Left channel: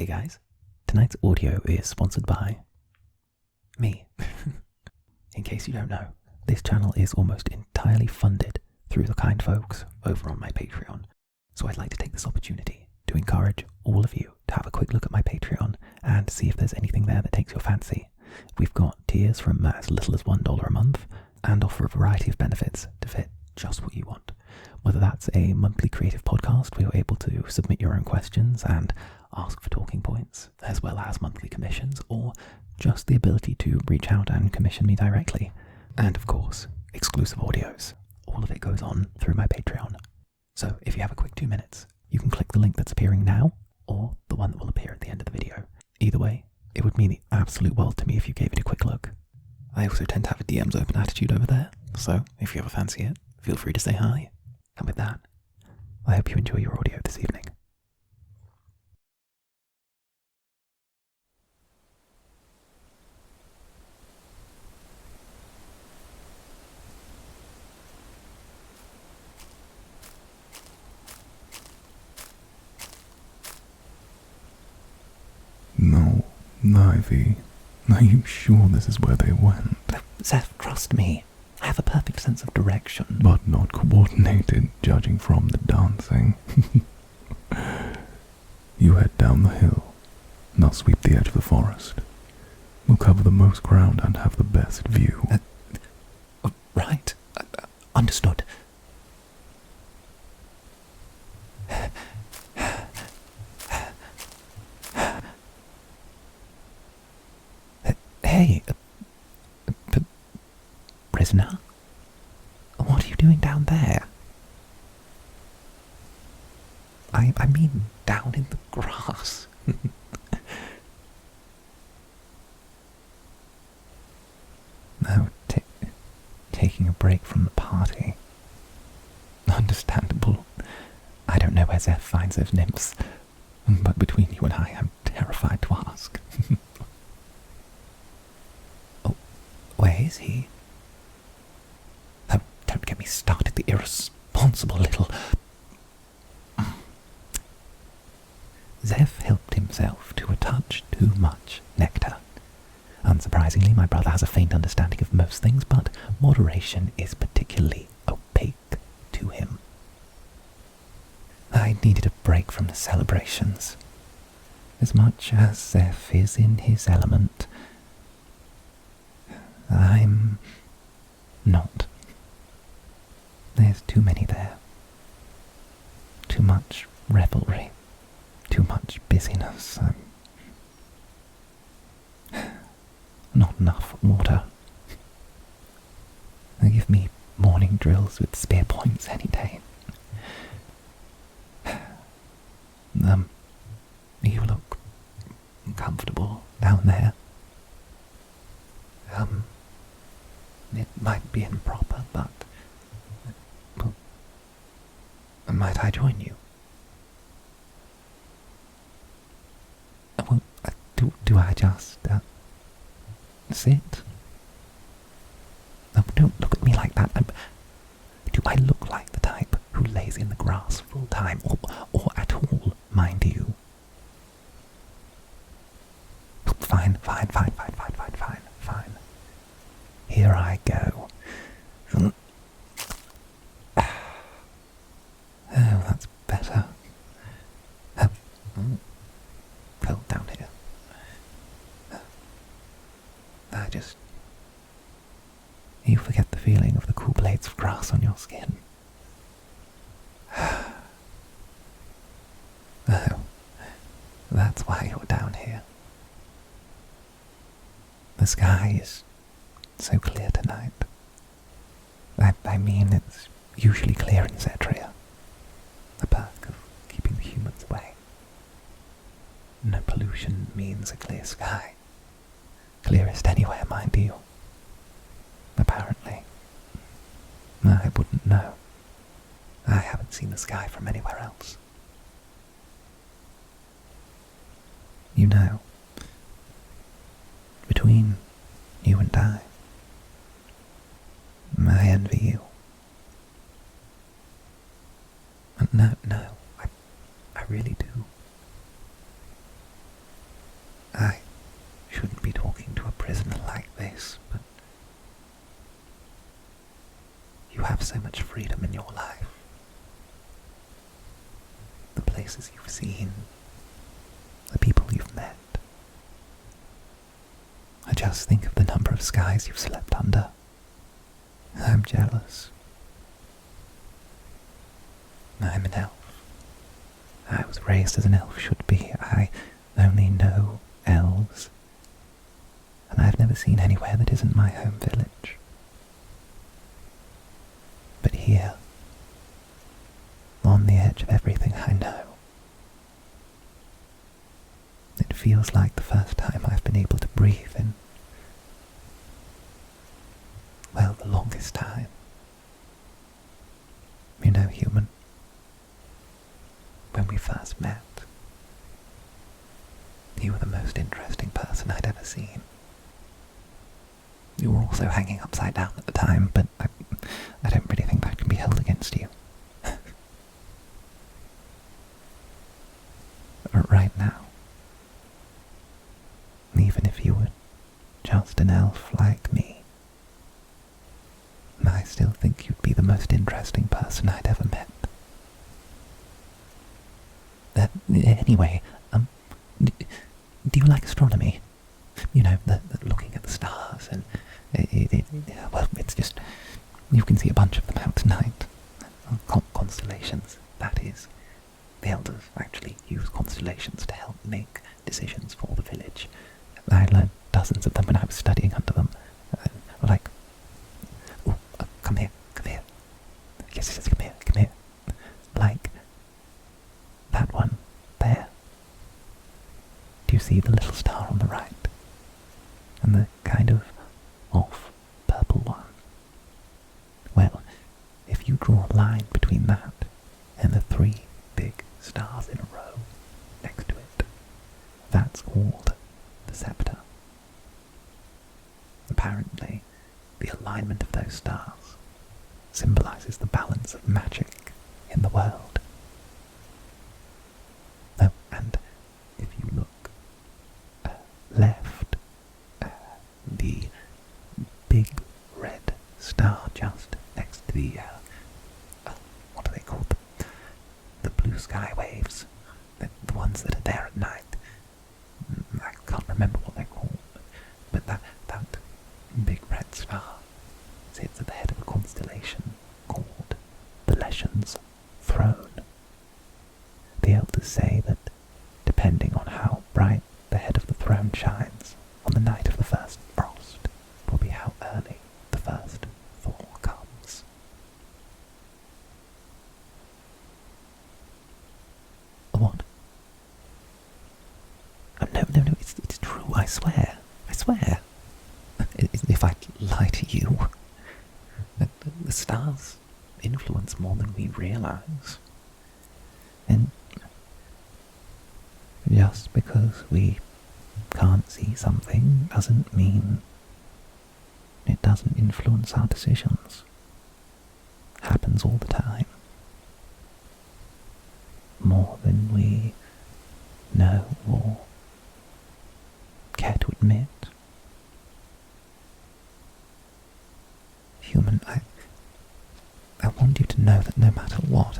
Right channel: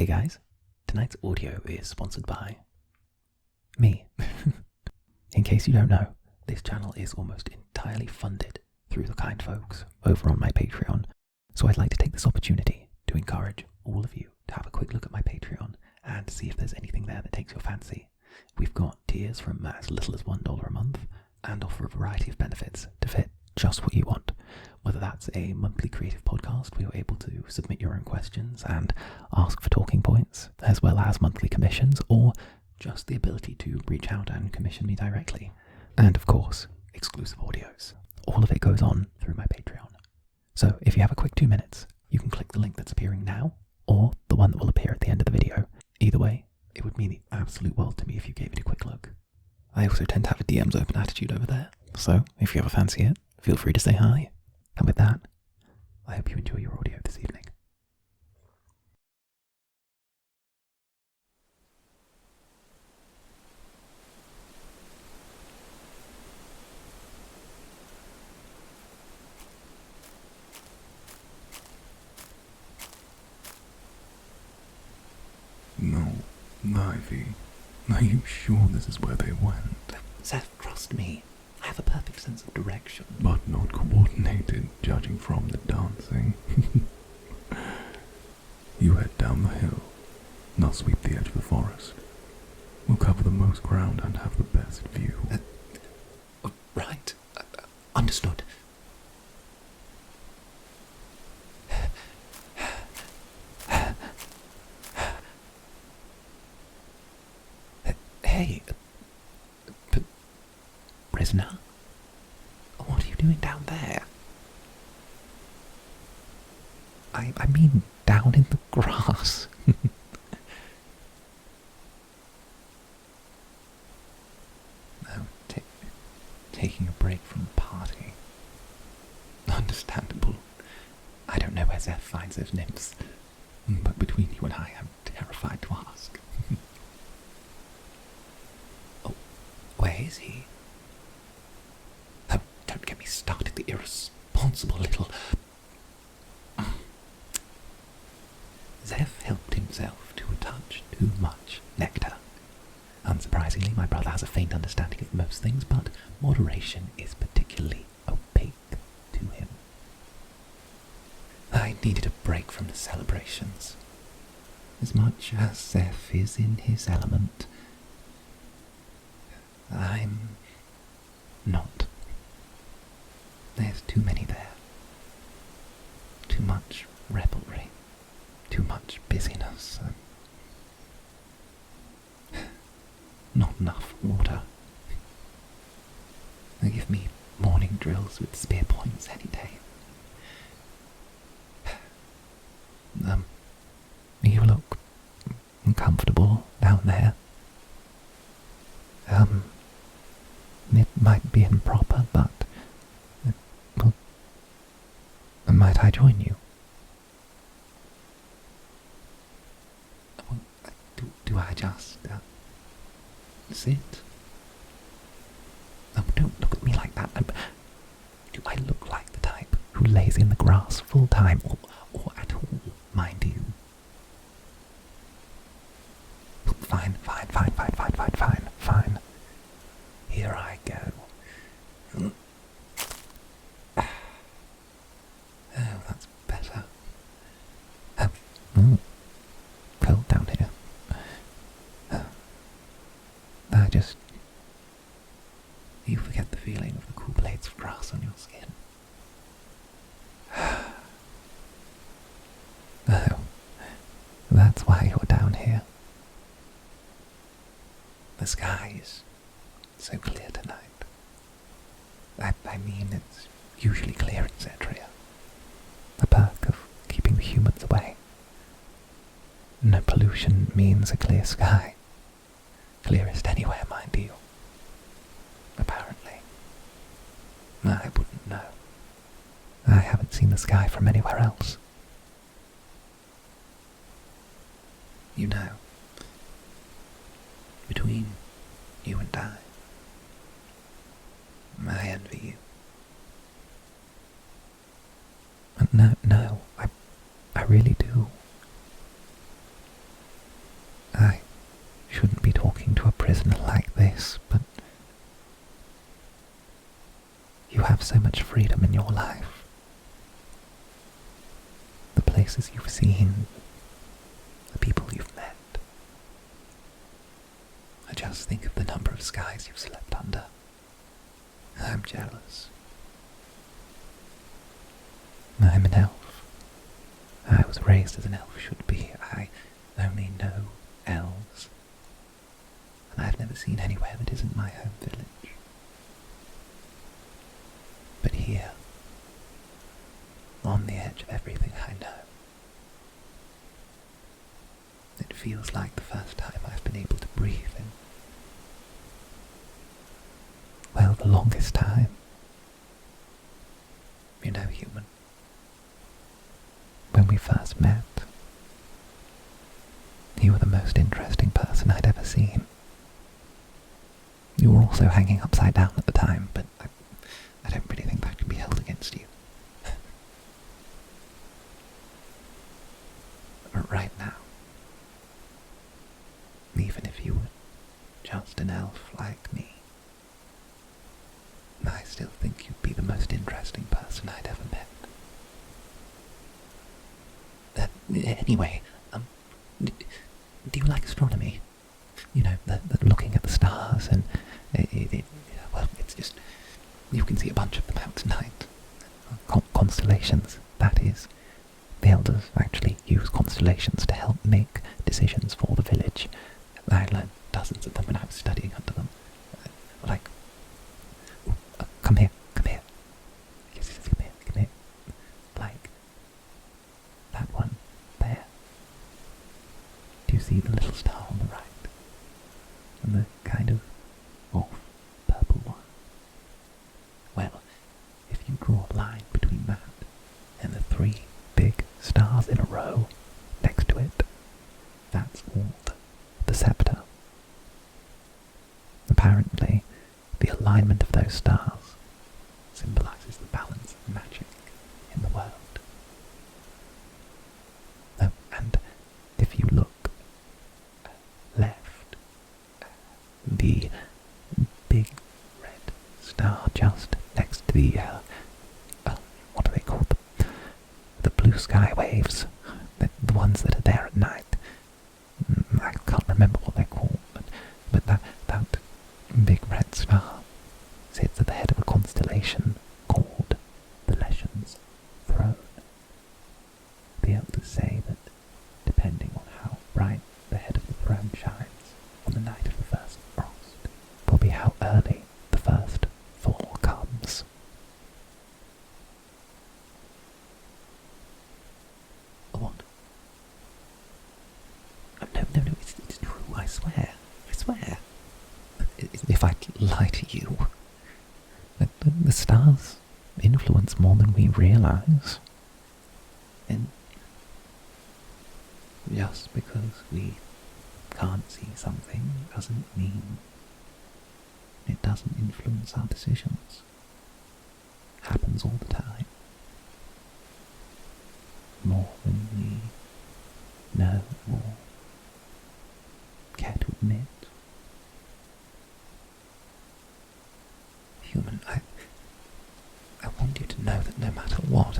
Hey guys, tonight's audio is sponsored by me. In case you don't know, this channel is almost entirely funded through the kind folks over on my Patreon, so I'd like to take this opportunity to encourage all of you to have a quick look at my Patreon and see if there's anything there that takes your fancy. We've got tiers from as little as $1 a month and offer a variety of benefits to fit just what you want. Whether that's a monthly creative podcast where you're able to submit your own questions and ask for talking points, as well as monthly commissions, or just the ability to reach out and commission me directly. And of course, exclusive audios. All of it goes on through my Patreon. So if you have a quick 2 minutes, you can click the link that's appearing now, or the one that will appear at the end of the video. Either way, it would mean the absolute world to me if you gave it a quick look. I also tend to have a DMs open attitude over there, so if you ever fancy it, feel free to say hi. And with that, I hope you enjoy your audio this evening. No, Ivy, are you sure this is where they went? Xeph, trust me. I have a perfect sense of direction. But not coordinated, judging from the dancing. You head down the hill, and I'll sweep the edge of the forest. We'll cover the most ground and have the best view. Right. Understood. Hey, prisoner? What are you doing down there? I mean, down in the grass. No, taking a break from the party. Understandable. I don't know where Xeph finds those nymphs, but between you and I, I'm terrified to ask. Oh, where is he? Oh, don't get me started, the irresponsible little... Xeph helped himself to a touch too much nectar. Unsurprisingly, my brother has a faint understanding of most things, but moderation is particularly opaque to him. I needed a break from the celebrations. As much as Xeph is in his element, I'm not. There's too many there. Too much revelry. Too much busyness. Not enough water. They give me morning drills with spear points any day. You look comfortable down there. It might be improper, but well, might I join you? Well, do I just sit? Oh, don't look at me like that. Do I look like the type who lays in the grass full time, or at all, mind you? Fine. Here I go. Oh, that's better. Cold down here. You forget the feeling of the cool blades of grass on your skin. Oh, that's why you're down here. The sky is so clear tonight. I mean, it's usually clear in Zetria. The perk of keeping the humans away. No pollution means a clear sky. Clearest anywhere, mind you. Apparently. I wouldn't know. I haven't seen the sky from anywhere else. You know, between you and I envy you. No, I really do. so much freedom in your life. The places you've seen, the people you've met. I just think of the number of skies you've slept under. I'm jealous. I'm an elf. I was raised as an elf should be. I only know elves. And I've never seen anywhere that isn't my home village. But here, on the edge of everything I know, it feels like the first time I've been able to breathe in, well, the longest time. You know, human, when we first met, you were the most interesting person I'd ever seen. You were also hanging upside down at the time, but I don't really think that can be held against you. But right now, even if you were just an elf like me, I still think you'd be the most interesting person I'd ever met. Anyway, do you like astronomy? You know, the looking at the stars and well, it's just, you can see a bunch of them out tonight. Constellations, that is. The Elders actually use constellations to help make decisions for the village. I learned dozens of them when I was studying under them. Come here. Yes, come here. Like that one there. Do you see the little star on the right? And the kind of off purple one? Well, if you draw a line between that and the 3 big stars in a row next to it, that's called the scepter. Apparently, the alignment of those stars symbolizes the balance of magic in the world. Oh, and if you look left, the big red star just next to the, what are they called? The blue sky waves, the ones that are there at night. I can't remember what they're called, but that big red star sits at the head of a constellation called the Legion's Throne. The Elders say that depending on how bright the head of the throne shines on the night of the first frost will be how early the first thaw comes. What? Oh, no, it's true, I swear. If I lie to you, the stars influence more than we realize. And just because we can't see something doesn't mean it doesn't influence our decisions. Happens all the time. More than we know or care to admit. Human, I want you to know that no matter what,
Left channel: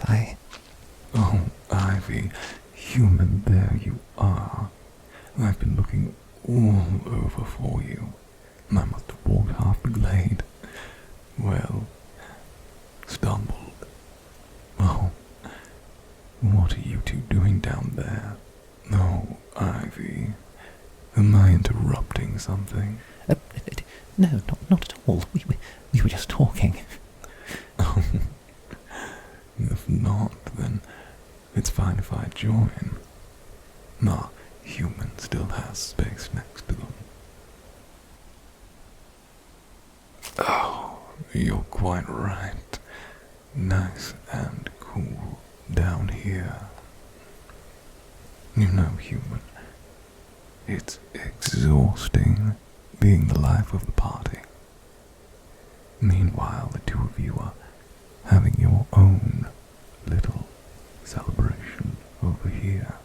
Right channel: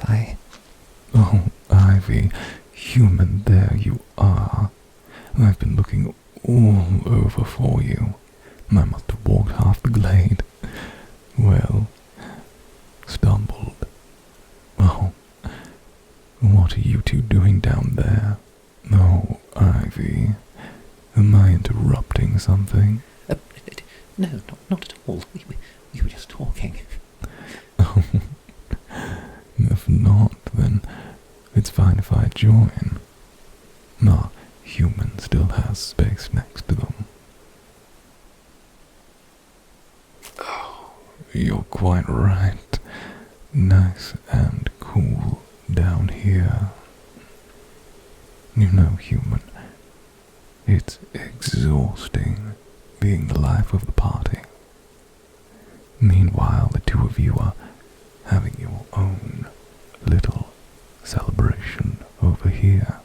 Oh, Ivy, human, there you are. I've been looking all over for you. I must have walked half the glade. Well, stumbled. Oh, what are you two doing down there? Oh, Ivy, am I interrupting something? No, not at all. We were just talking. Oh, if not, then it's fine if I join. Our human still has space next to them. Oh, you're quite right. Nice and cool down here. You know, human, it's exhausting being the life of the party. Meanwhile, the two of you are having your own little celebration over here.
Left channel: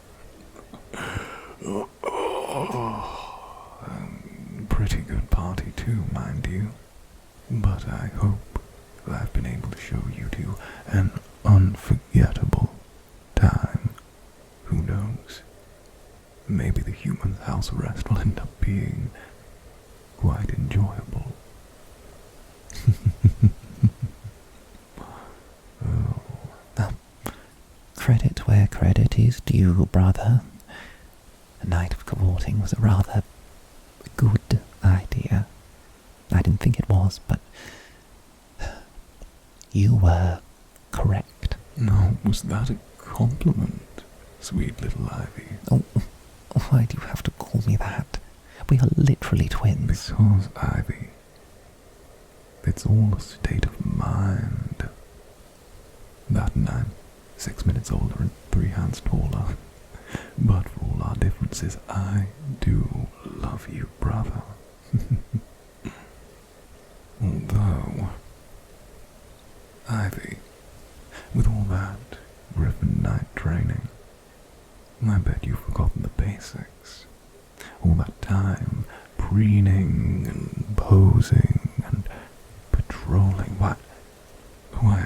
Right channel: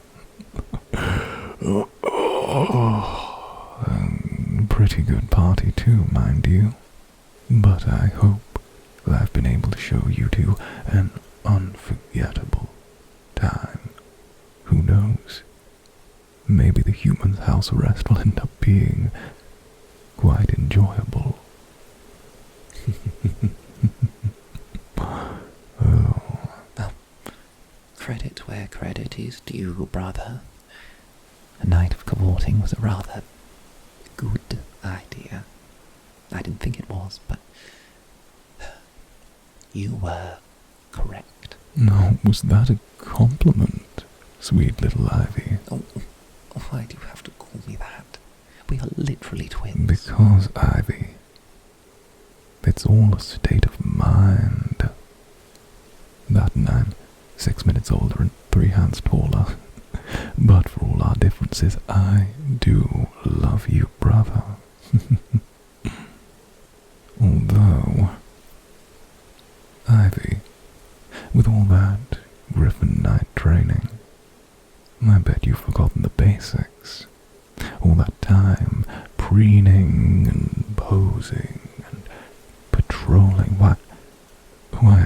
Pretty good party too, mind you. But I hope I've been able to show you to an unforgettable time. Who knows? Maybe the human's house arrest will end up being quite enjoyable. Oh. Well, credit where credit is due, brother. A night of cavorting was a rather good idea. I didn't think it was, but you were correct. No, was that a compliment, sweet little Ivy? Oh, why do you have to call me that? We are literally twins. Because, Ivy, it's all a state of mind. That and I'm 6 minutes older and 3 hands taller. But for all our differences, I do love you, brother. Although, Ivy, with all that Griffin Knight training, I bet you've forgotten the basics. All that time preening and posing and patrolling. Why,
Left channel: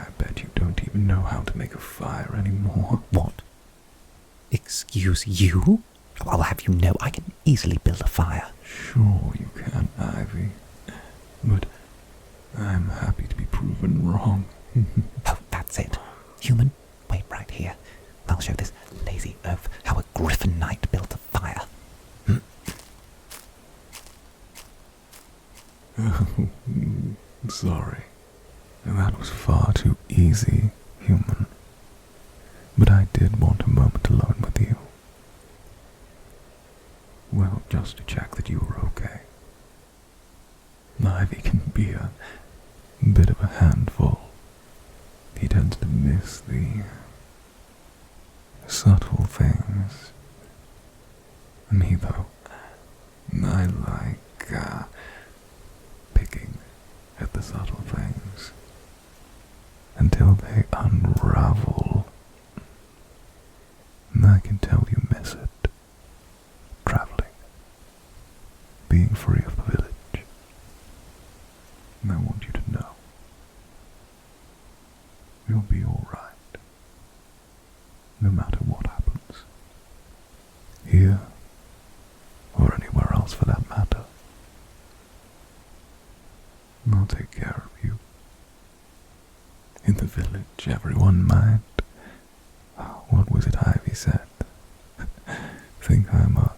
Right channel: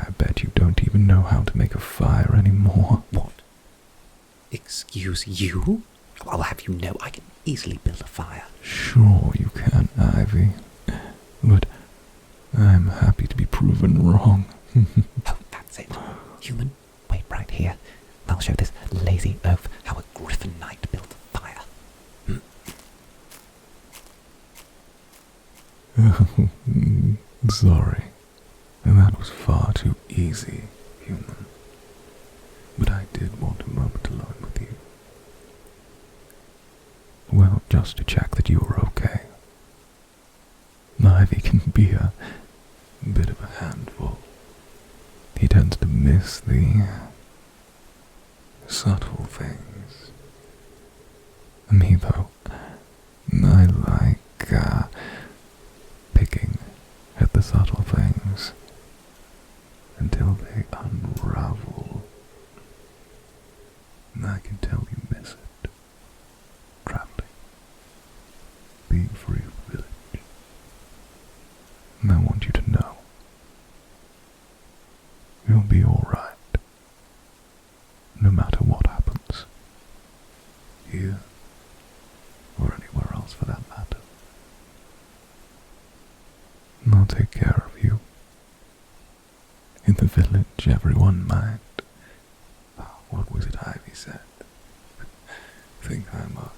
I bet you don't even know how to make a fire anymore. What? Excuse you? I'll have you know I can easily build a fire. Sure you can, Ivy. But I'm happy to be proven wrong. Oh, that's it. Human, wait right here. I'll show this lazy oaf how a Griffin Knight built a fire. Sorry. That was far too easy, human. But I did want a moment alone with you. Well, just to check that you were okay. Ivy can be a bit of a handful. He tends to miss the subtle things. Me, though, I like picking at the subtle things until they unravel. And I can tell you miss it. Traveling. Being free of the village. And I want you to know you'll be alright. No matter what happens. Here or anywhere else for that matter. I'll take care of you. In the village, everyone might. What was it Ivy said? Think I'm a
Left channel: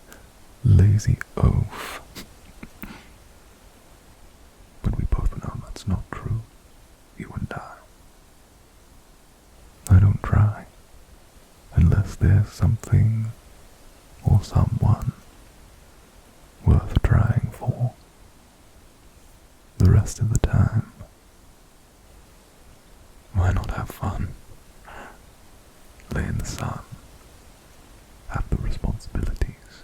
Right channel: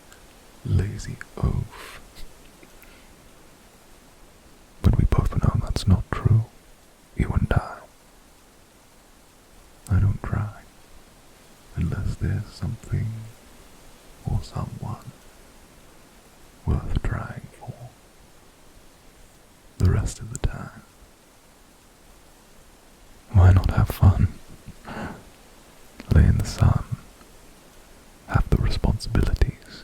lazy oaf. But we both know that's not true. You and I. I don't try. Unless there's something or someone worth trying for. The rest of the time, why not have fun? Lay in the sun. Have the responsibilities.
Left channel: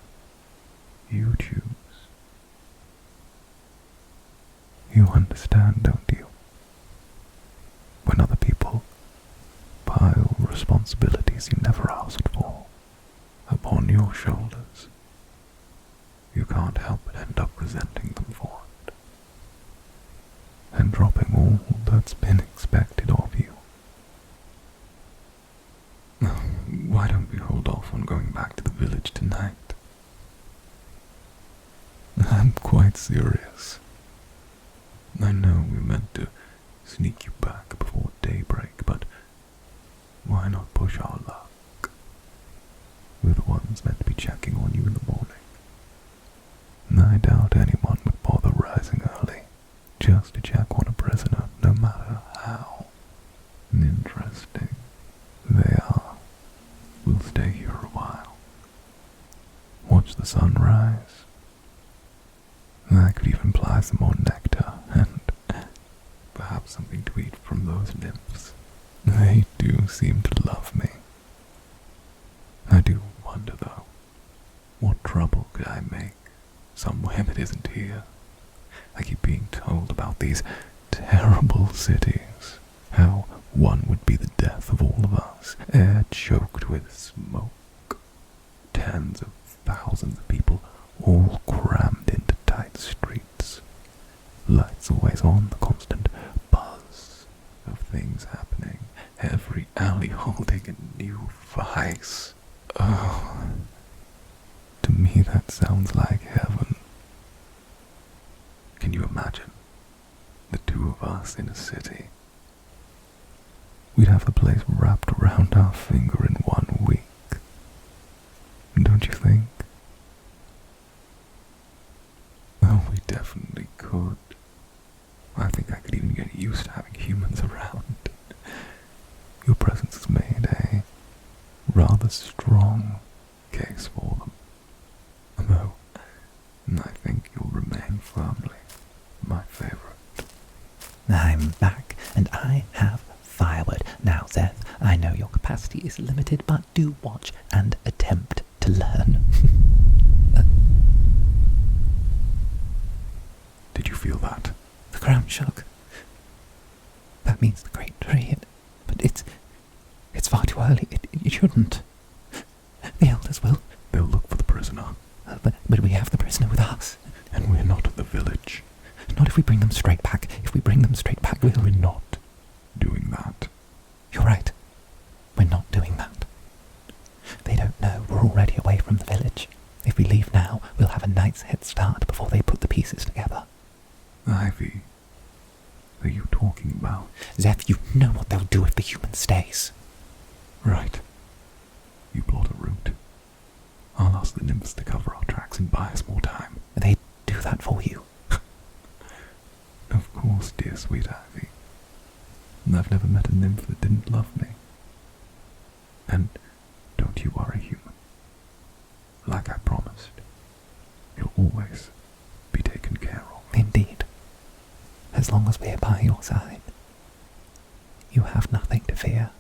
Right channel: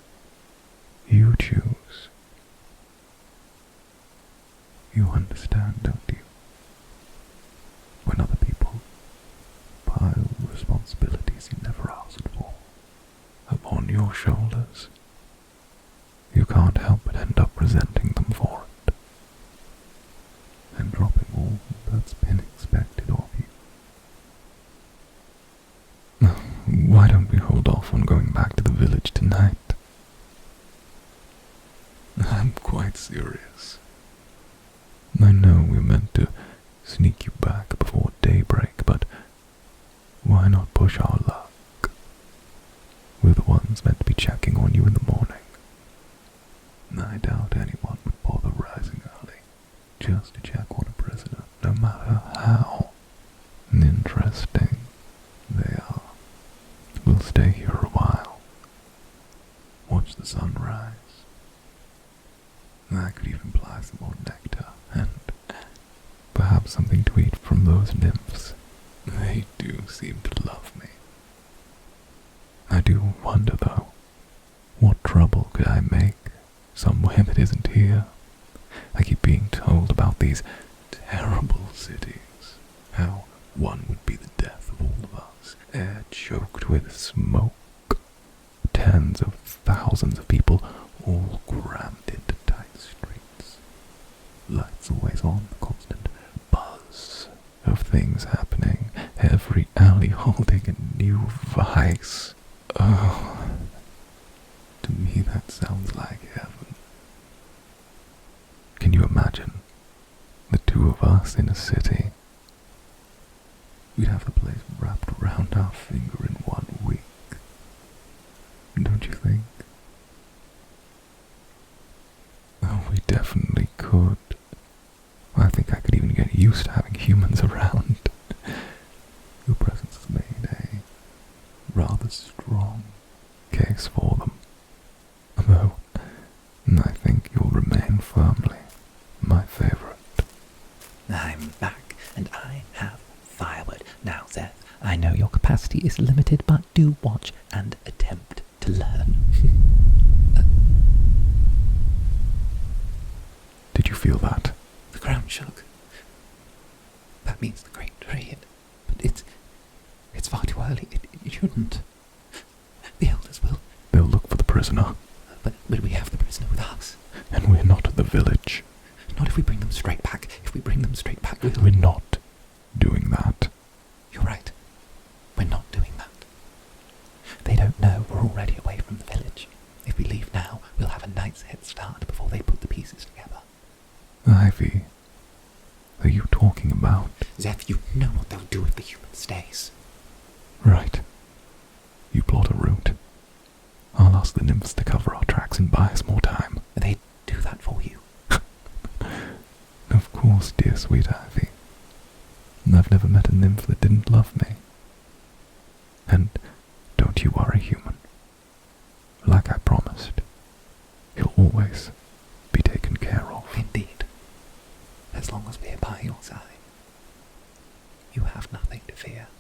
You choose. You understand, don't you? When other people pile responsibilities you never asked for upon your shoulders, you can't help but end up resenting them for it, and dropping all that's been expected of you. Why don't we hold off on going back to the village tonight? I'm quite serious. I know we meant to sneak you back before daybreak, but why not push our luck? We're the ones meant to be checking on you in the morning. And I doubt anyone would bother rising early just to check on a prisoner, no matter how interesting they are. We'll stay here a while. Watch the sun rise. I could even ply some more nectar and perhaps something to eat from those nymphs. They do seem to love me. I do wonder, though, what trouble could I make somewhere that isn't here? I keep being told about these terrible cities, how one would be the death of all of us, air choked with smoke, tens of thousands of people all crammed into tight streets, lights always on, the constant buzz things happening, every alley holding a new vice. Oh, to me that sounds like heaven. Can you imagine? The two of us in a city. We'd have the place wrapped around our finger in 1 week. Don't you think? Oh, we definitely could. I think I could even get used to having humans around. Your presence has made a rather strong case for them. Though, I think you'll remain firmly my favorite. I'm back, and I have firewood. Now, Xeph, I know your capacity is limited, but do watch and attempt to learn. Did you feel that? The ground shook. That means the great tree, but it's far too early. It shouldn't. The elders will. They'll look for the prisoner. But we have the prisoner with us. And we're not at the village. Not if we bring them straight back. If we bring them straight back, We're not doing that. You're right. We're not doing that. They don't know we're already away from the village. If we leave now, we'll have a night's head start before they put the pieces together. Ivy, are you talking about? Xeph, you know what they'll do if the human stays. Right. You plot a route. I'll ask the nymphs to cover our tracks and buy us more time. They do that for you. Of course, dear sweet Ivy. I've never met a nymph that didn't love me. And don't you worry, human. Like I promised, you'll always be taken care of. Indeed. As long as we're by your side, you have nothing to fear.